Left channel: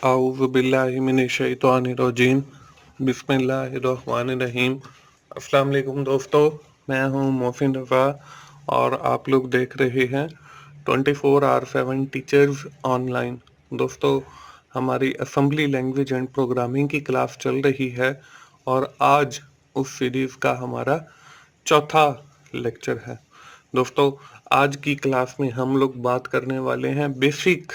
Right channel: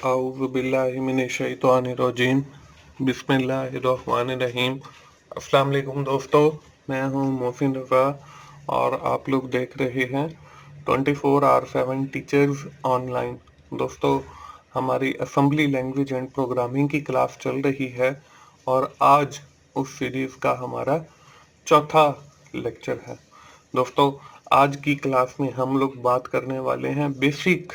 आऊज़ु बिल्लाहि मिनश्शैतानिर्रजीम बिस्मिल्लाहिर्रहमानिर्रहीम। अस्सलाम वालेकुम दोस्तों, मैं हूं मोहसिन रज़ा और आप लोग देख रहे हैं 24/7 टीचर्स ऑनलाइन। दोस्तों, हमारी असेंबली लैंग्वेज एंड प्रोग्रामिंग की क्लास चल रही है और आज उस सीरीज़ का हमारा चौथा लेक्चर है। दोस्तों, आज की क्लास में हम लोग बात करने वाले हैं basic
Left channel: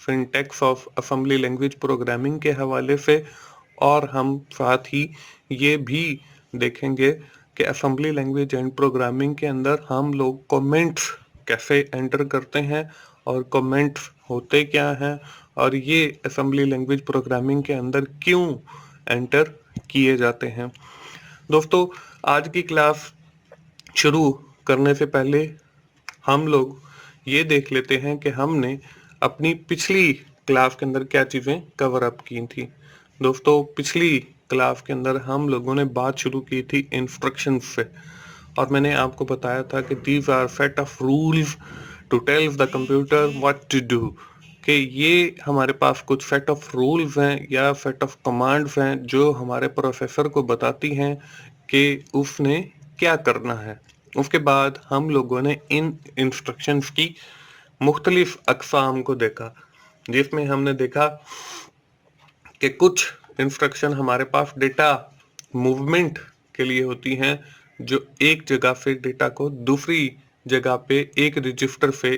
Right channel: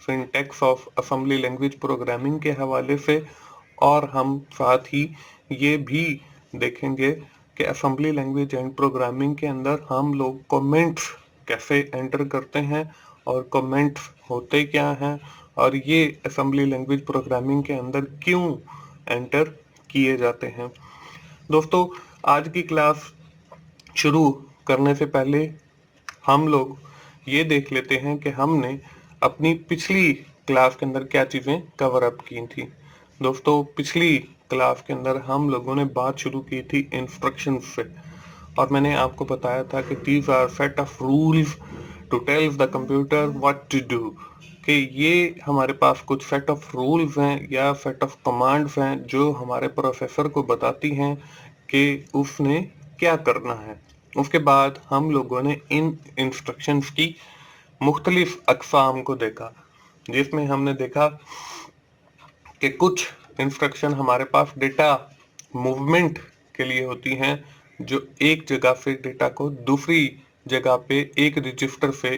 syntax of assembly language programming के हवाले से, और हम साथ ही ये भी देखेंगे कि असेंबली लैंग्वेज एंड प्रोग्रामिंग के अंदर हम लोग कमेंट्स कैसे एंटर करते हैं और कमेंट्स होते क्या हैं और ये असेंबली लैंग्वेज प्रोग्रामिंग के अंदर क्यों एंटर किए जाते हैं। दोस्तों, आज की क्लास शुरू करने से पहले हम लोग ये देख लेते हैं कि हमने अपनी पिछली क्लास के अंदर क्या चीज़ें कवर अप की थी। दोस्तों, पिछली क्लास के अंदर हम लोगों ने बात शुरू की थी इंस्ट्रक्शंस से, और मैंने आपको बताया था कि these are set of rules to tell the computer what to do, कि ये हमारे पास कुछ सेट ऑफ रूल्स हैं या सेट ऑफ कमांड्स हैं जो हमारे प्रोसेसर को बताती हैं कि उसने क्या करना है। उसके बाद हम लोगों ने इन इंस्ट्रक्शंस की मुख्तलिफ अक़साम को देखा, जिसमें हमने देखा कि कुछ इंस्ट्रक्शन हमारे पास डेटा मूवमेंट के लिए होती हैं, जो एक जगह से डेटा को दूसरी जगह पे एक रजिस्टर से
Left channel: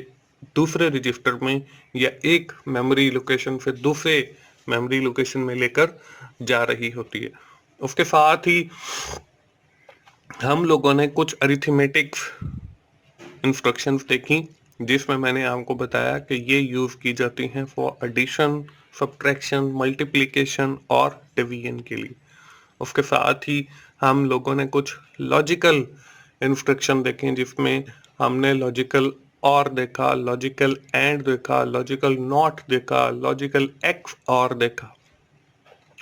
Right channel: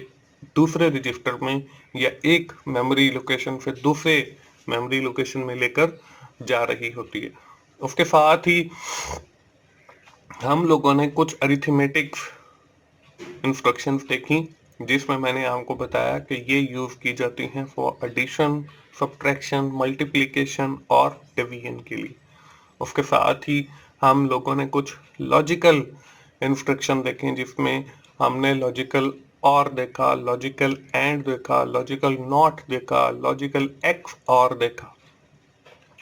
दूसरे रजिस्टर में या एक मेमोरी लोकेशन से दूसरे मेमोरी लोकेशन में लेकर जा रही होती है। उसके साथ ही हम लोगों ने कुछ अरिथमेटिक्स इंस्ट्रक्शंस देखी, जिसमें मैंने आपको बताया कि ये यूज़ की जाती हैं फॉर एडिशन, सब्ट्रैक्शन, मल्टीप्लिकेशन और डिवीजन के लिए। उसके साथ ही हम लोगों ने कुछ लॉजिकल इंस्ट्रक्शन देखे, जिसमें हमने लॉजिकल और देखा, लॉजिकल एंड देखा, लॉजिकल नॉट देखा, लॉजिकल एक्स और देखा।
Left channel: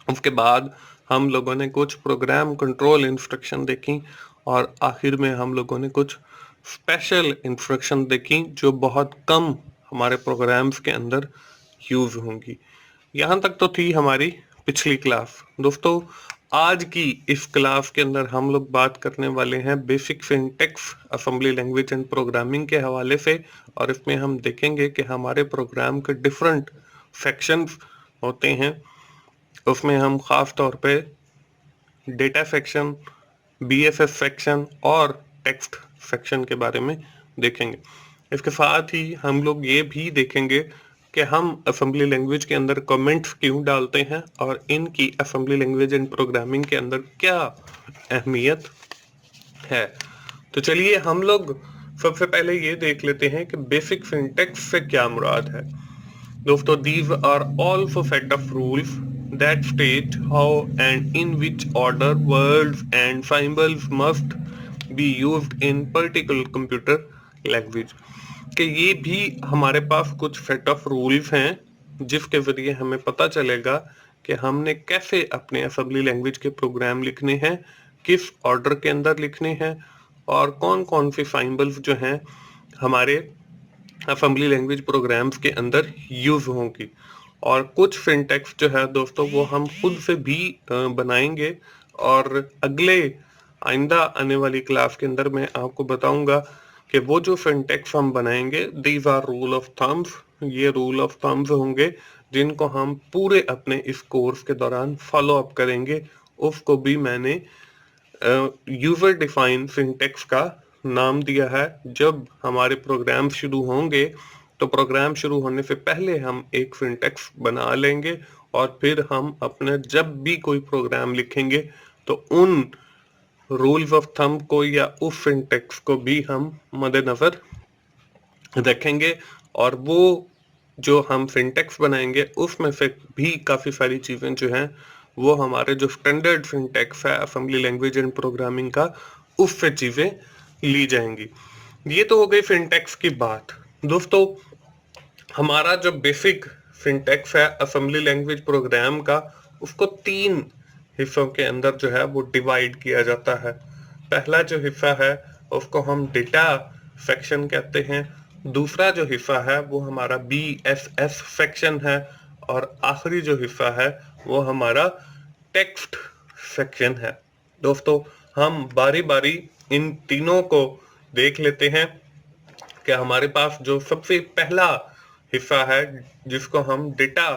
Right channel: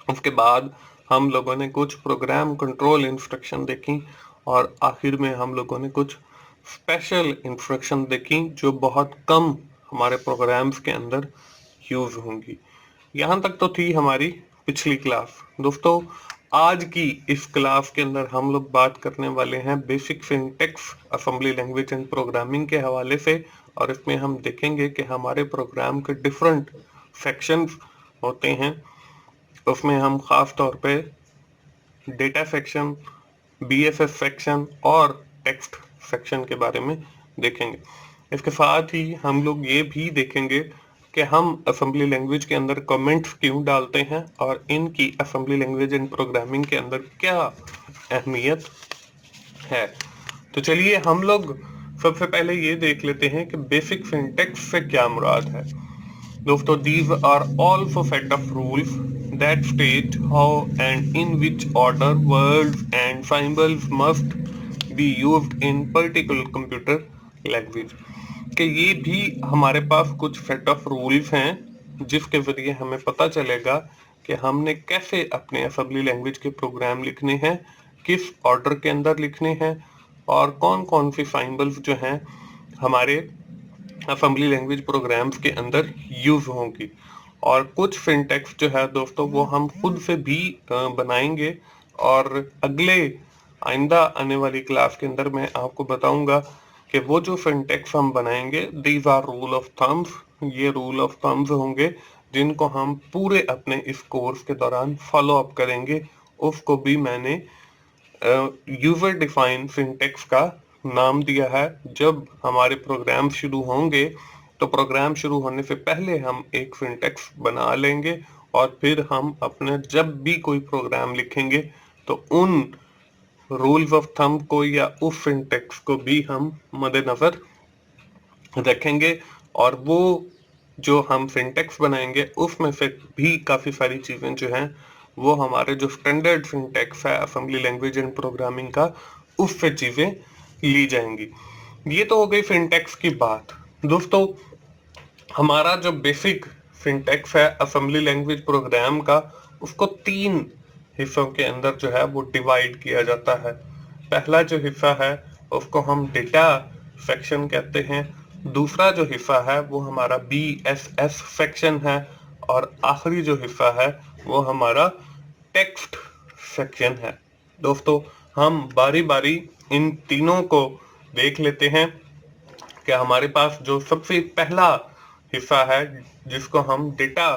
उसके बाद हम लोगों ने कुछ प्रोग्राम कंट्रोल इंस्ट्रक्शन देखी और आखिर में हम लोगों ने कुछ स्पेशल इंस्ट्रक्शन देखी जो बहुत कम हमारे प्रोग्राम्स के अंदर यूज होंगी। यहाँ तक तो थी हमारी पिछली क्लास। दोस्तों, आज की इस क्लास के अंदर हम लोग बात करने वाले हैं basic syntax assembly language and programming के हवाले से, और इसमें हम देखेंगे कि हमारे प्रोग्राम के डिफरेंट सेक्शंस होते हैं। उसमें हम खास तौर पे डेटा सेक्शन, बीएसएस सेक्शन और टेक्स्ट सेक्शन के बारे में देखेंगे। इसके साथ ही हम लोग ये भी देखेंगे कि हम असेंबली लैंग्वेज के अंदर कमेंट्स क्यों डालते हैं और इनकी असेंबली लैंग्वेज एंड प्रोग्रामिंग के अंदर क्या अहमियत है। तो चलिए हम लोग सबसे पहले ये देख लेते हैं कि बेसिक सिंटैक्स से क्या मुराद है। दोस्तों, these are also set of rules that state how and in which order words and symbols must be used in particular computer language। कि ये भी हमारे पास कुछ सेट ऑफ रूल्स हैं जिसके जरिए हमें पता चलेगा कि हमने कैसे अपने असेंबली लैंग्वेज के प्रोग्राम लिखने हैं, किस ऑर्डर के अंदर लिखने हैं और कौन कौन से सिंबल्स जो हैं हमारे असेंबली लैंग्वेज प्रोग्राम्स के अंदर यूज होंगी। और कुछ सिंटैक्स जो है दोस्तों वो हम खुद से भी बनाएंगे, और अगले आइंदा आने वाली क्लास के अंदर मैं आपको बताऊंगा कि वो जो सिंटैक्स हम बनाएंगे these are rule of thumbs. ये रूल ऑफ थम्स होंगे जिनको हम पूरे अपने इस कोर्स के दौरान फॉलो अप करेंगे। उसको भी मैंने यूजर डिफाइन सिंटैक्स का नाम दिया है। जब हमारे प्रोग्राम शुरू होंगे तो प्रोग्राम शुरू होने से पहले हम एक सिंटैक्स बना लेंगे, और फिर हम अपना जब भी कोई प्रोग्राम लिखेंगे तो उन रूल्स ऑफ थंब को या उस सिंटैक्स को भी हम मद्देनजर रखेंगे, और वो जो हम सिंटैक्स बनाएंगे उसमें से भी काफ़ी सारी चीज़ें जो हैं वो हमारे जो स्टैंडर्ड सिंटैक्स है असेंबली लैंग्वेज एंड प्रोग्रामिंग का, उससे चीज़ें ली जाएंगी। ये तो हो गई सिंटैक्स की बात। दोस्तों, हमारा जो बेसिक सिंटैक्स है असेंबली लैंग्वेज प्रोग्राम का, उसको 3 हिस्सों के अंदर जो है वो डिवाइड किया जाता है। पहला जो हिस्सा है उसको हम डेटा सेक्शन कहते हैं। दूसरा जो हिस्सा है वो हमारा BSS सेक्शन है, और आखिरी जो हिस्सा है वो हमारा टेक्स्ट सेक्शन है। दोस्तों हम बारी बारी इन तीनों को देख लेते हैं कि हमारे पास जो सबसे पहला हिस्सा है जिसको हम डेटा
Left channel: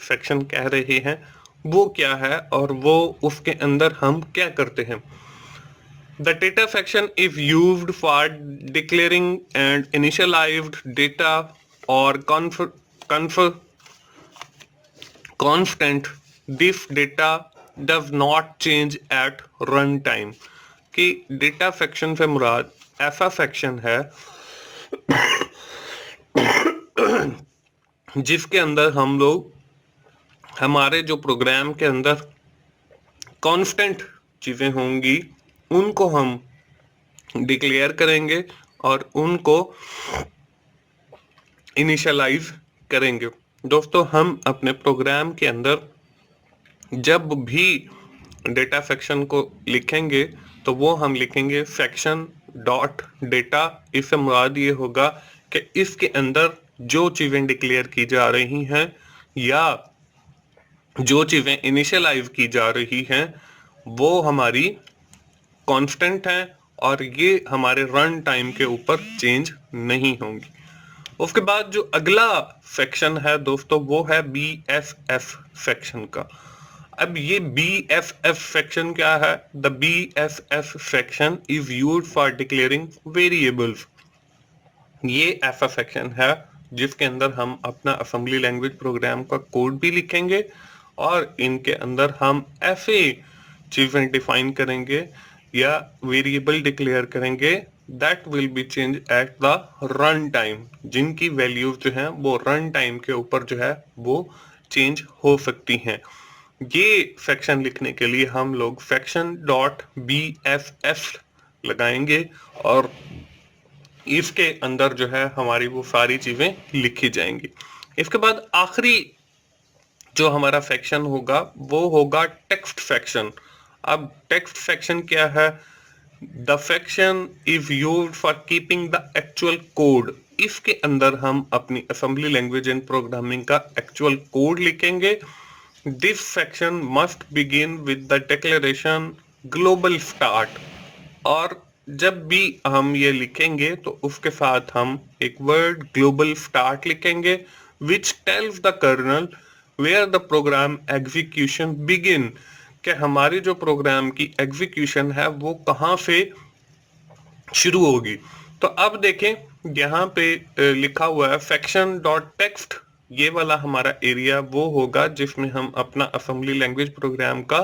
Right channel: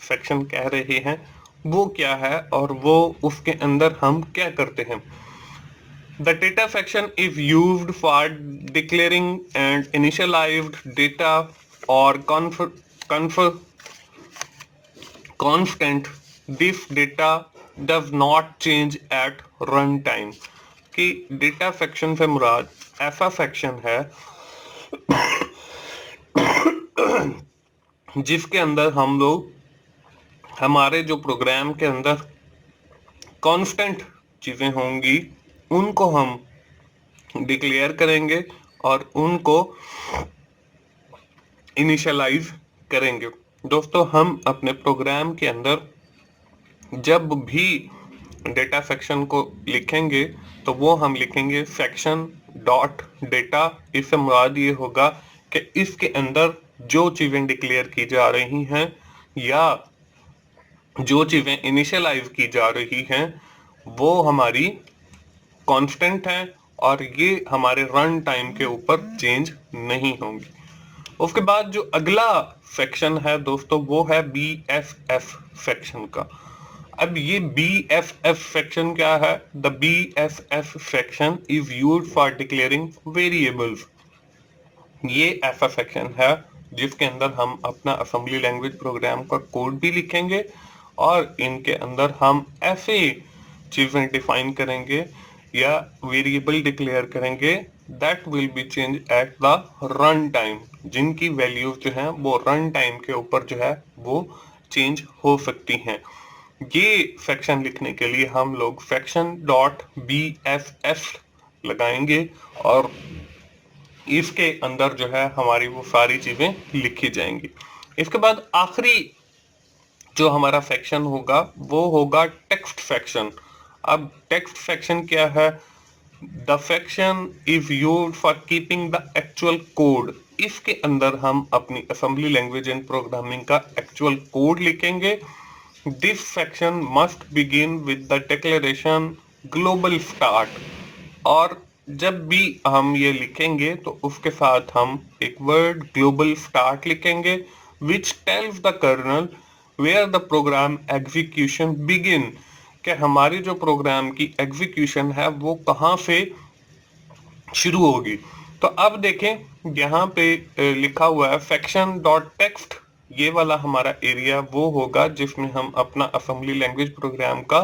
सेक्शन कह रहे हैं वो क्या है और वो उसके अंदर हम क्या करते हैं। The data section is used for declaring and initialized data or constant. This data does not change at run time. कि डेटा सेक्शन से मुराद ऐसा सेक्शन है जिसके अंदर हम लोग हमारे जो प्रोग्राम के अंदर कांस्टेंट चीज़ें होंगी उनको हम डिक्लेयर करेंगे और उनको इनिशियलाइज करेंगे। दोस्तों हम अपने प्रोग्राम के अंदर जब भी डेटा सेक्शन को लिखेंगे तो वो हम लिखेंगे सेक्शन डॉट डेटा। इससे मुराद ये होगा कि इसके अंदर जो चीज़ें डिक्लेयर की जा रही हैं या जो चीज़ें इनिशियलाइज की जा रही हैं वो हमारी कांस्टेंट हैं और ये हमारे रन टाइम के ऊपर चेंज नहीं होंगी। उसके बाद जो अगला सेक्शन है दोस्तों वो है BFF सेक्शन का। अब ये BFF सेक्शन क्या है? The BFF section is used for declaring variables. ये ऐसा सेक्शन है जिसके अंदर हम अपना असेंबली लैंग्वेज प्रोग्राम का कोड भी लिखेंगे और इनके अंदर हम ऐसे चीज़ें डिफाइन करेंगे या वेरिएबल डिक्लेयर करेंगे that will be change at the run time, जिनकी वैल्यूज जो हैं वो रन टाइम के ऊपर जो है वो चेंज हो सकती हैं। ये सेक्शन लिखने के लिए हम लोग सेक्शन डॉट BFF लगाएंगे और इसके अंदर जो है हमारी वो सारी चीज़ें लिखी जाएंगी। इसके बाद आखिरी जो हमारा सेक्शन होगा वो होगा टेक्स्ट सेक्शन। अब टेक्स्ट सेक्शन क्या है? The section is used for keeping the actual code. इसके अंदर हम अपनी असेंबली लैंग्वेज एंड प्रोग्रामिंग का एक्चुअल कोड लिखेंगे। This section must begin with the declaration global start. और जब भी हम ये लिखेंगे तो उसके साथ हम एक वर्ड ग्लोबल स्टार्ट लिखेंगे which tells the kernel where the program execution begin, कि हमारी जो प्रोग्राम की एग्जीक्यूशन है वो कहाँ से शुरू होगी। तो अब देखें यहाँ पे लिखा हुआ है सेक्शन डॉट टेक्स्ट। ये वाला हमारा एरिया वो होगा जिसमें हम अपना असेंबली लैंग्वेज प्रोग्राम का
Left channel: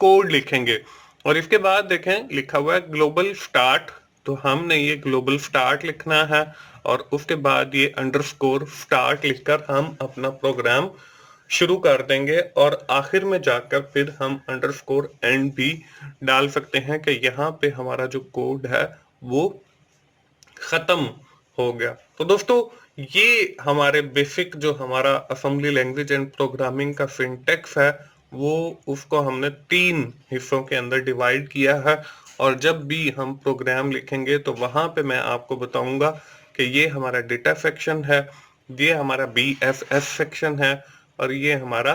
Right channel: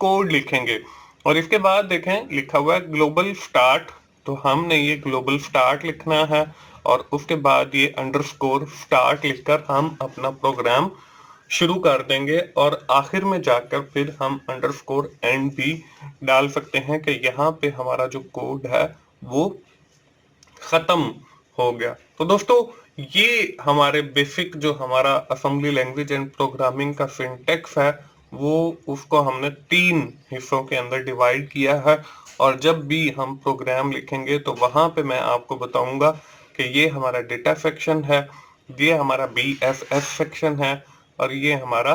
कोड लिखेंगे। और इसके बाद देखें लिखा हुआ है ग्लोबल स्टार्ट, तो हमने ये ग्लोबल स्टार्ट लिखना है और उसके बाद ये अंडरस्कोर स्टार्ट लिखकर हम अपना प्रोग्राम शुरू कर देंगे और आखिर में जाकर फिर हम अंडरस्कोर एंड भी डाल सकते हैं कि यहाँ पे हमारा जो कोड है वो खत्म हो गया। तो दोस्तों ये हमारे बेसिक जो हमारा असेंबली लैंग्वेज एंड प्रोग्रामिंग का सिंटैक्स है वो उसको हमने 3 हिस्सों के अंदर डिवाइड किया है। और जब भी हम प्रोग्राम लिखेंगे तो वहां पे मैं आपको बताऊंगा कि ये हमारा डेटा सेक्शन है, ये हमारा BFF सेक्शन है और ये हमारा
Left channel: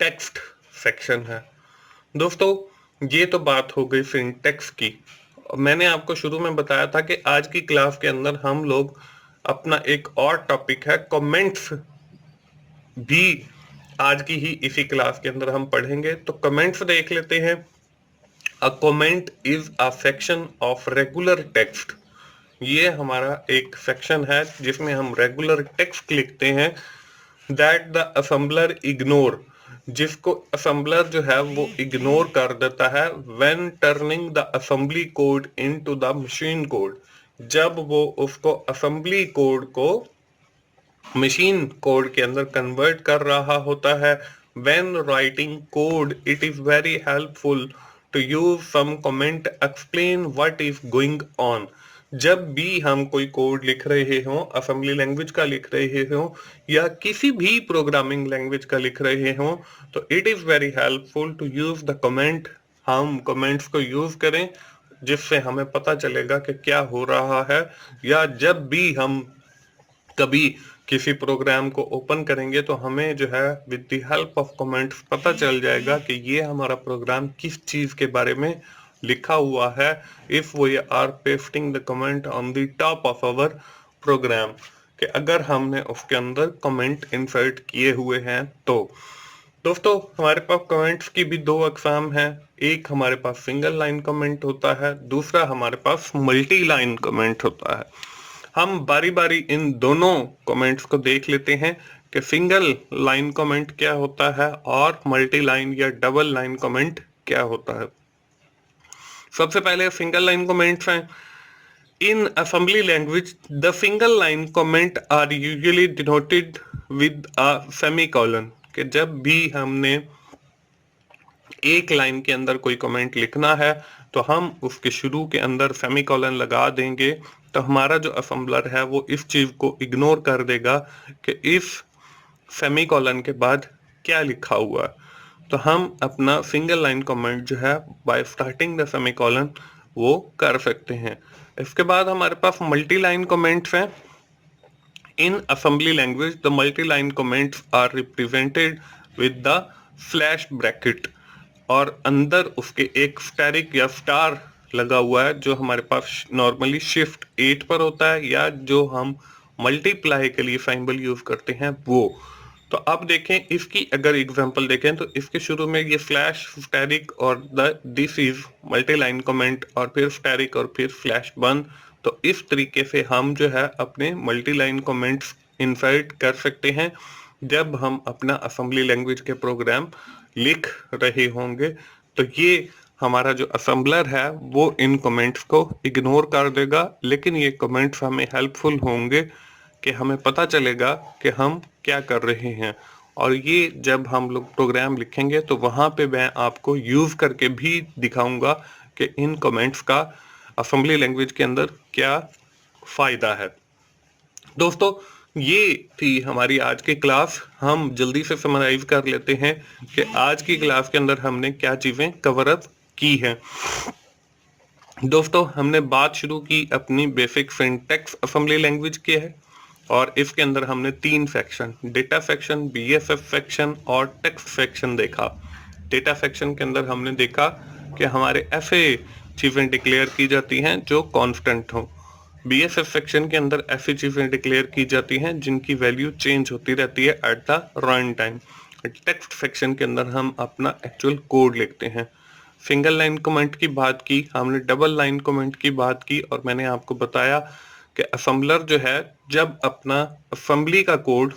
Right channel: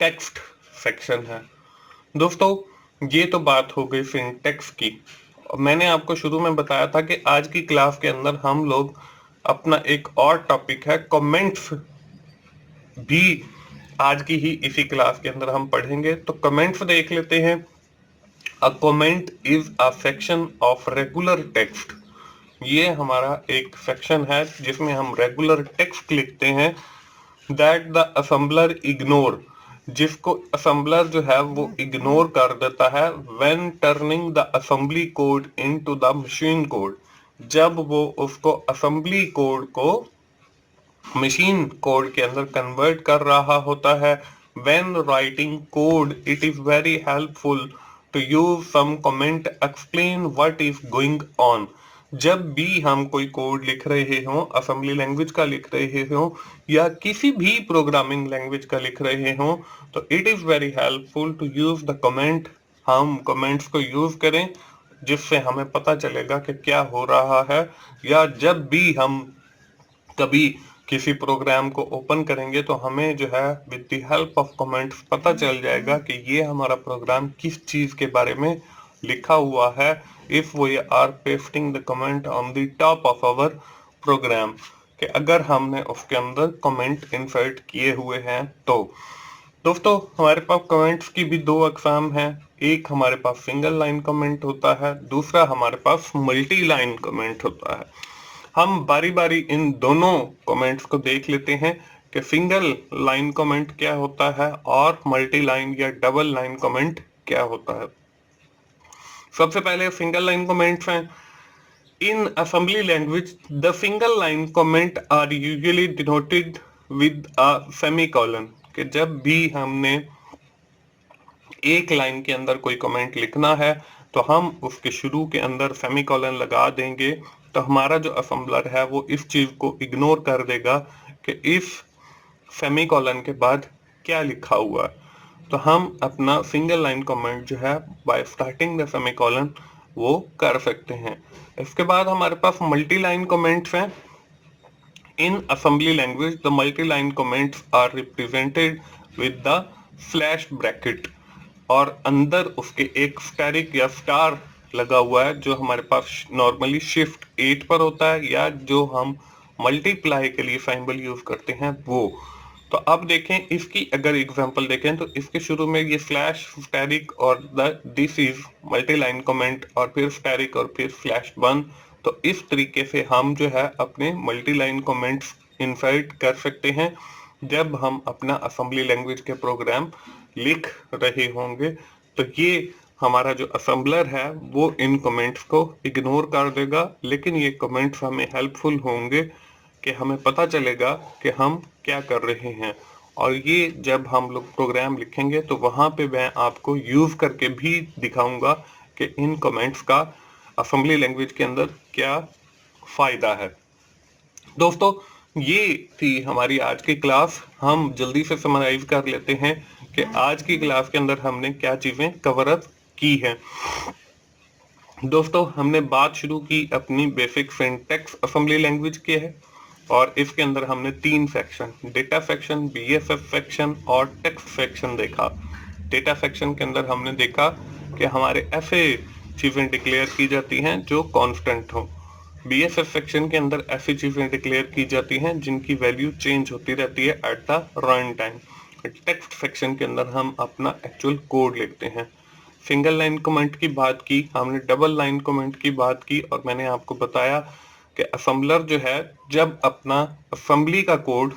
टेक्स्ट सेक्शन है। दोस्तों ये तो बात हो गई सिंटैक्स की। मैंने आपको शुरू में बताया था कि आज की क्लास के अंदर हम लोग अपना एक और टॉपिक है कमेंट्स भी आज की ही इसी क्लास के अंदर हम पढ़ेंगे। तो कमेंट्स देख लेते हैं। A comment is a section of regular text. ये हमारा एक सेक्शन है जिसमें हम रेगुलर टेक्स्ट लिखते हैं दैट द असेंबलर इग्नोर, जिसको असेंबलर जो है वो इग्नोर कर देता है when turning the assembly code into the machine code, जब वो उसको असेंबली कोड को मशीन कोड के अंदर कन्वर्ट कर रहा होता है। When writing code it is very helpful to use some comment explain what is going on. जब भी हम कोई कोड लिख रहे हों, असेंबली लैंग्वेज का लिख रहे हों या किसी भी प्रोग्रामिंग लैंग्वेज का लिख रहे हों, तो it is very helpful to use the comment. हम कमेंट्स को यूज करें जिससे हमें पता चलेगा कि क्या हो रहा है। या जब भी हम कभी किसी प्रोग्राम को ओपन करेंगे तो हमें जो है with the help of comments पता चल जाएगा कि ये हमारा प्रोग्राम किस चीज के बारे में लिखा हुआ है, if we are pasting the comment on the top of our program, कि अगर हमने उसके अंदर कमेंट इंसर्ट किए हुए हैं तो। दोस्तों हमारे पास कमेंट्स की भी दो अकसाम हैं, एक हमारे पास सिंगल लाइन कमेंट होता है, दूसरा हमारे पास मल्टी लाइन कमेंट होता है। हम बारी बारी इन दोनों कमेंट्स को देख लेते हैं कि सिंगल लाइन कमेंट क्या होता है और मल्टी लाइन या डबल लाइन कमेंट क्या होता है। सबसे पहले सिंगल लाइन कमेंट्स हैं। In assembly language, the single line comment are usually denoted with a semicolon, कि जब भी हमने एक लाइन के अंदर कोई कमेंट लिखना है तो हम उसके शुरू के अंदर सेमीकोलन लगा देंगे, तो हमारा जो असेंबलर है वो इस चीज को इग्नोर कर देगा कि इस सेमीकोलन के बाद क्या लिखा हुआ है। तो हम अपना सिंगल लाइन कमेंट जो है बाय स्टार्टिंग द सेमीकोलन वो कर सकते हैं। इसके बाद हमारे पास मल्टी लाइन कमेंट्स हैं। In assembly language the multi line comments are represented with the slash bracket, और अंदर उसके एक स्टैरिक या स्टार लगा हुआ है जो हमारे पास नॉर्मली शिफ्ट 8 पर होता है, या जो हम मल्टीप्लाई के लिए सिंबल यूज करते हैं वो। तो अब देखें इसकी अगर एग्जांपल देखें तो इसके शुरू में ये स्लैश स्टैरिक और this is multi line comment और फिर स्टैरिक और फिर स्लैश 1। तो इस तरीके से हम जो है अपने मल्टी लाइन कमेंट्स इंसर्ट कर सकते हैं जब हम अपना असेंबली लैंग्वेज के प्रोग्राम लिख रहे होंगे। तो ये हमारा जो असेंबलर है वो इन कमेंट्स को इग्नोर कर देगा, लेकिन ये कमेंट्स हमें हेल्पफुल होंगे कि हमें पता चलेगा कि हम क्या कर रहे हैं। और ये जब हम लोग प्रोग्राम लिखेंगे तो वहां पे मैं आपको यूज करके भी दिखाऊंगा कि इन कमेंट्स का असेंबली लैंग्वेज के अंदर क्या फायदा है। दोस्तों ये थी हमारी आज की क्लास। हम जल्दी से समराइज कर लेते हैं कि आज की क्लास के अंदर हमने क्या चीजें कवर अप की हैं। दोस्तों हमने बात शुरू की अपनी बेसिक सिंटैक्स असेंबली लैंग्वेज की है, और इसके अंदर हमने 3 section, data section, BSF section और टेक्स्ट सेक्शन देखा। डेटा सेक्शन के अंदर हमने देखा कि हमारे ऐसे चीजें डिक्लेयर की जाती हैं जो कांस्टेंट हो। बीएसएफ सेक्शन के अंदर ऐसी चीजें डिक्लेयर की जाती हैं जिनकी वैल्यू चेंज होती रहती है at the run time. Text section के अंदर हम अपना एक्चुअल कोड लिखते हैं। सिंगल लाइन कमेंट की बात की, हमने डबल लाइन कमेंट की बात की, और मैंने आपको बताया कि असेंबलर जो है जब अपना असेंबली का कोड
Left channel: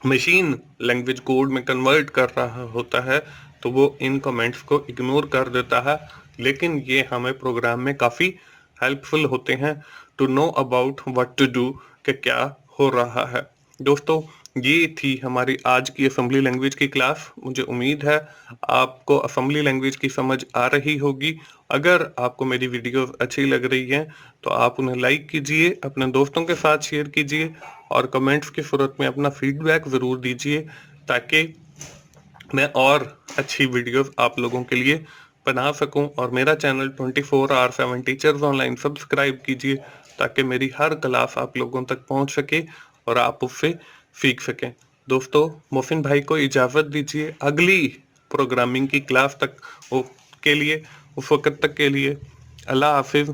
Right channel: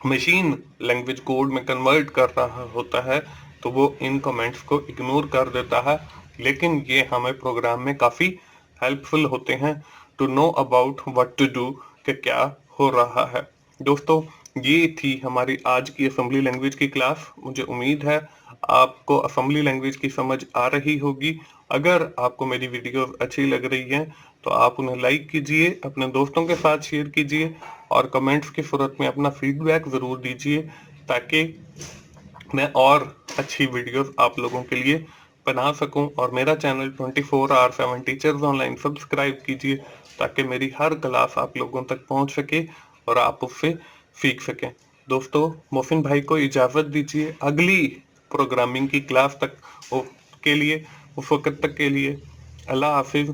मशीन लैंग्वेज कोड में कन्वर्ट कर रहा होता है तो वो इन कमेंट्स को इग्नोर कर देता है, लेकिन ये हमें प्रोग्राम में काफ़ी हेल्पफुल होते हैं to know about what to do, कि क्या हो रहा है। दोस्तों ये थी हमारी आज की असेंबली लैंग्वेज की क्लास। मुझे उम्मीद है आपको असेंबली लैंग्वेज की समझ आ रही होगी। अगर आपको मेरी वीडियो अच्छी लग रही है तो आप उन्हें लाइक कीजिए, अपने दोस्तों के साथ शेयर कीजिए, और कमेंट्स की सूरत में अपना फीडबैक ज़रूर दीजिए ताकि मैं और अच्छी वीडियोस आप लोगों के लिए बना सकूं। और मेरा चैनल 24/7 टीचर्स ऑनलाइन सब्सक्राइब कीजिए ताकि मेरी हर क्लास आप लोगों तक पहुंच सके और आप उससे सीख सकें। दोस्तों मोहसिन भाई को इजाज़त दीजिए अगली प्रोग्रामिंग की क्लास तक के लिए, उस वक्त तक के लिए अल्लाह हाफिज़।